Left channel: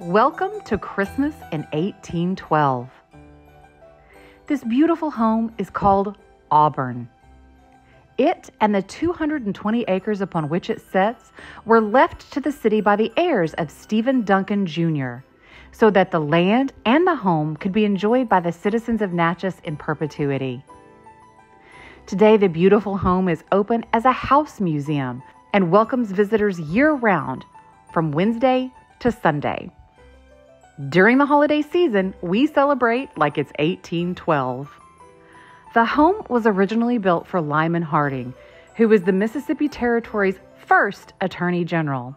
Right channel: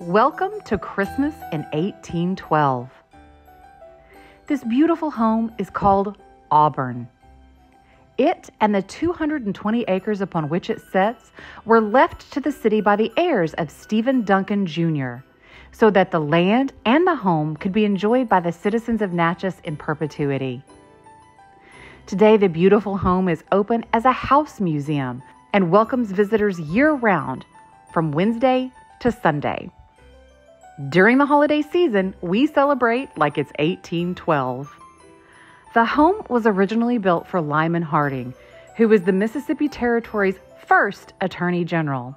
Welcome to Christmas in 1812. This beautiful home is called Auburn. It and the 220 acres upon which it sits were left to the city by the heirs of Stephen Duncan Jr., so that the land and the home could be enjoyed by the citizens of Natchez in perpetuity. Today, the beautiful home is open as a house museum and welcomes visitors year-round from Wednesday to Sunday. During the holiday season, we celebrate like it's 1812. The home was originally built for Lyman Harding, who was the Mississippi Territory's first Attorney General.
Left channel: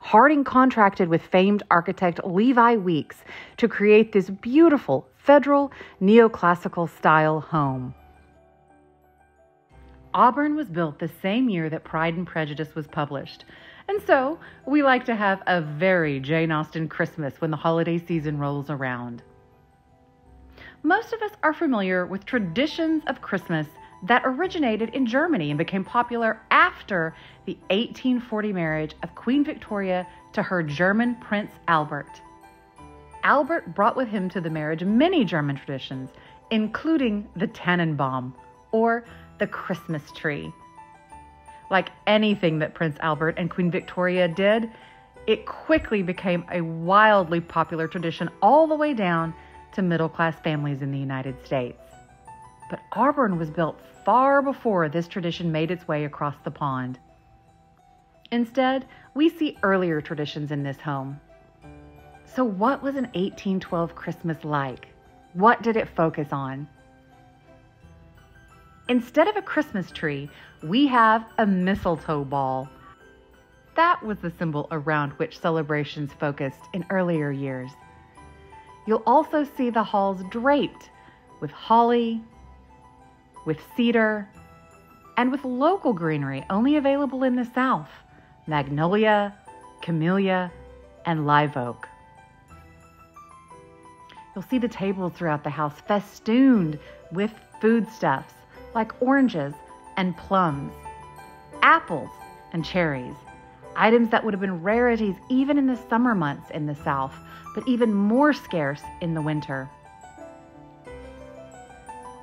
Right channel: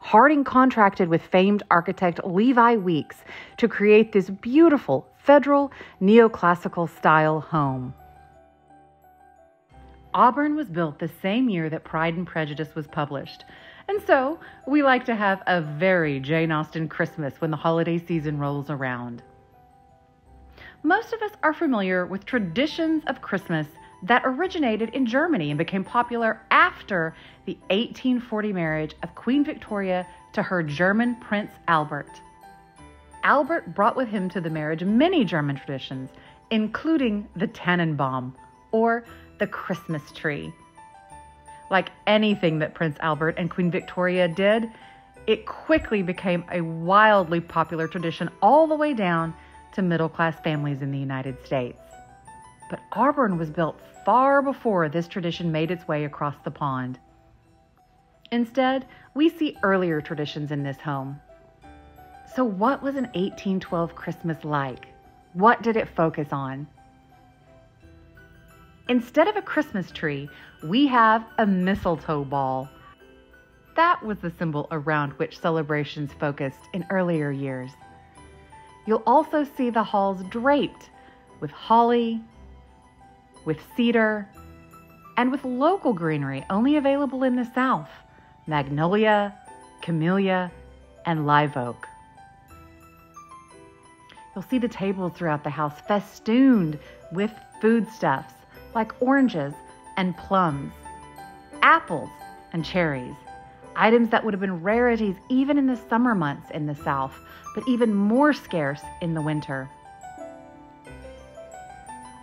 Harding contracted with famed architect Levi Weeks to create this beautiful federal neoclassical style home. Auburn was built the same year that Pride and Prejudice was published, and so we like to have a very Jane Austen Christmas when the holiday season rolls around. Most of us are familiar with traditions of Christmas that originated in Germany and became popular after the 1840 marriage of Queen Victoria to her German Prince Albert. Albert brought with him to the marriage many German traditions, including the Tannenbaum, or the Christmas tree. Like anything that Prince Albert and Queen Victoria did, it quickly became a wildly popular tradition all the way down to middle-class families in the United States. But Auburn was built far before this tradition made its way across the pond. Instead, we see earlier traditions in this home. So what was an 1812 Christmas like? What did it focus on? Instead of a Christmas tree, we have a mistletoe ball. That was the symbol around which celebrations focused in earlier years. You'll also see the halls draped with holly, with cedar, and with local greenery only available in the South: magnolia, camellia, and live oak. You'll see the tables throughout the house festooned with foodstuffs like oranges and plums, apples and cherries, items that would have been rarities even in the summer months in the South, but even more scarce in the winter.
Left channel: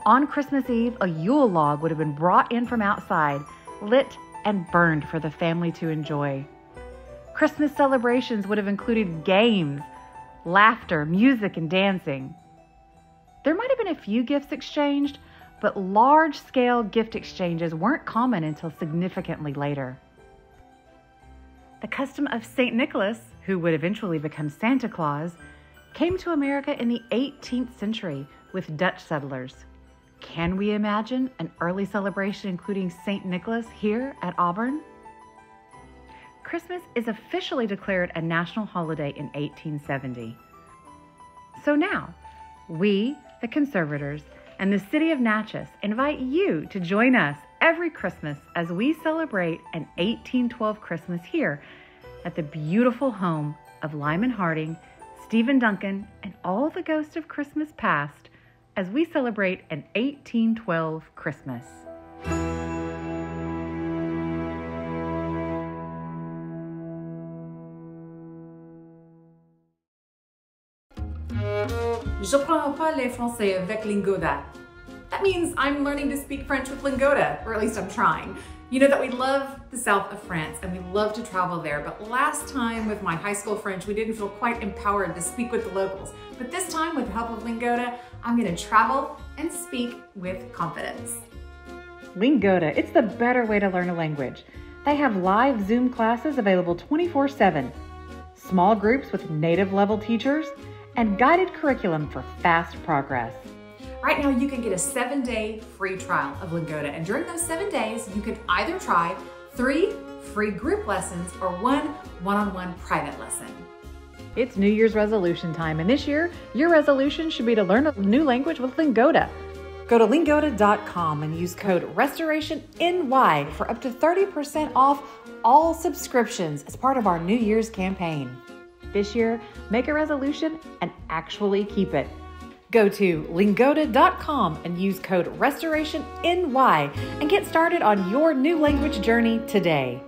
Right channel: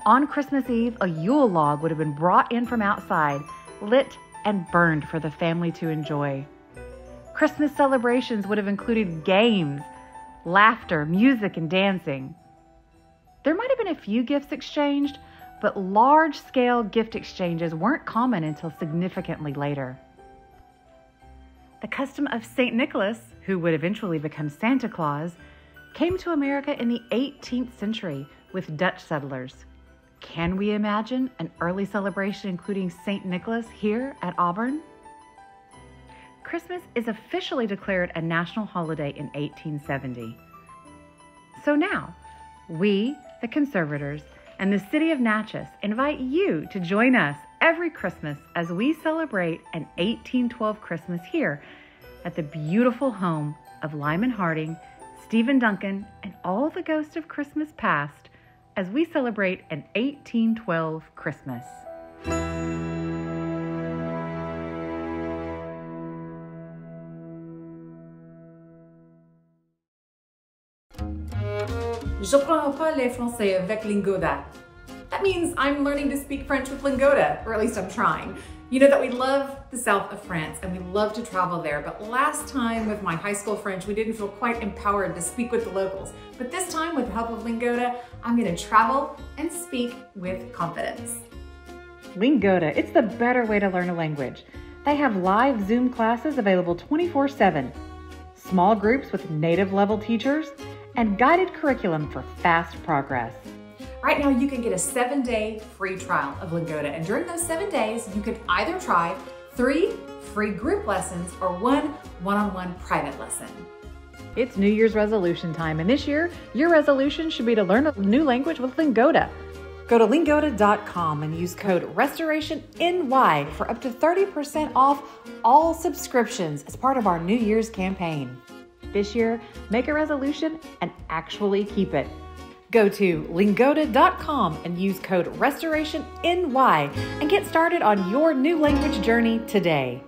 On Christmas Eve, a Yule log would have been brought in from outside, lit and burned for the family to enjoy. Christmas celebrations would have included games, laughter, music, and dancing. There might have been a few gifts exchanged, but large-scale gift exchanges weren't common until significantly later. The custom of St. Nicholas, who would eventually become Santa Claus, came to America in the 18th century with Dutch settlers. Can we imagine an early celebration including St. Nicholas here at Auburn? Christmas is officially declared a national holiday in 1870. So now, we, the conservators, and the city of Natchez invite you to join us every Christmas as we celebrate an 1812 Christmas here at the beautiful home of Lyman Harding, Stephen Duncan, and all the ghosts of Christmas past as we celebrate an 1812 Christmas. J'apprends pas le français avec Lingoda. That means I'm learning to speak French with Lingoda, or at least I'm trying. You know that we love the south of France and we love to travel there, but last time with my high school French, we didn't feel quite empowered to speak with the locals. But this time, with the help of Lingoda, I'm gonna travel and speak with confidence. Lingoda, it's the better way to learn a language. They have live Zoom classes available 24/7, small groups with native level teachers, and guided curriculum for fast progress. Right now, you can get a 7-day free trial of Lingoda, and during those 7 days, you can either try 3 free group lessons or 1 one-on-one private lesson. It's New Year's resolution time, and this year, your resolution should be to learn a new language with Lingoda. Go to lingoda.com and use code RESTORATIONNY for up to 30% off all subscriptions as part of our New Year's campaign. This year, make a resolution and actually keep it. Go to lingoda.com and use code RESTORATIONNY and get started on your new language journey today.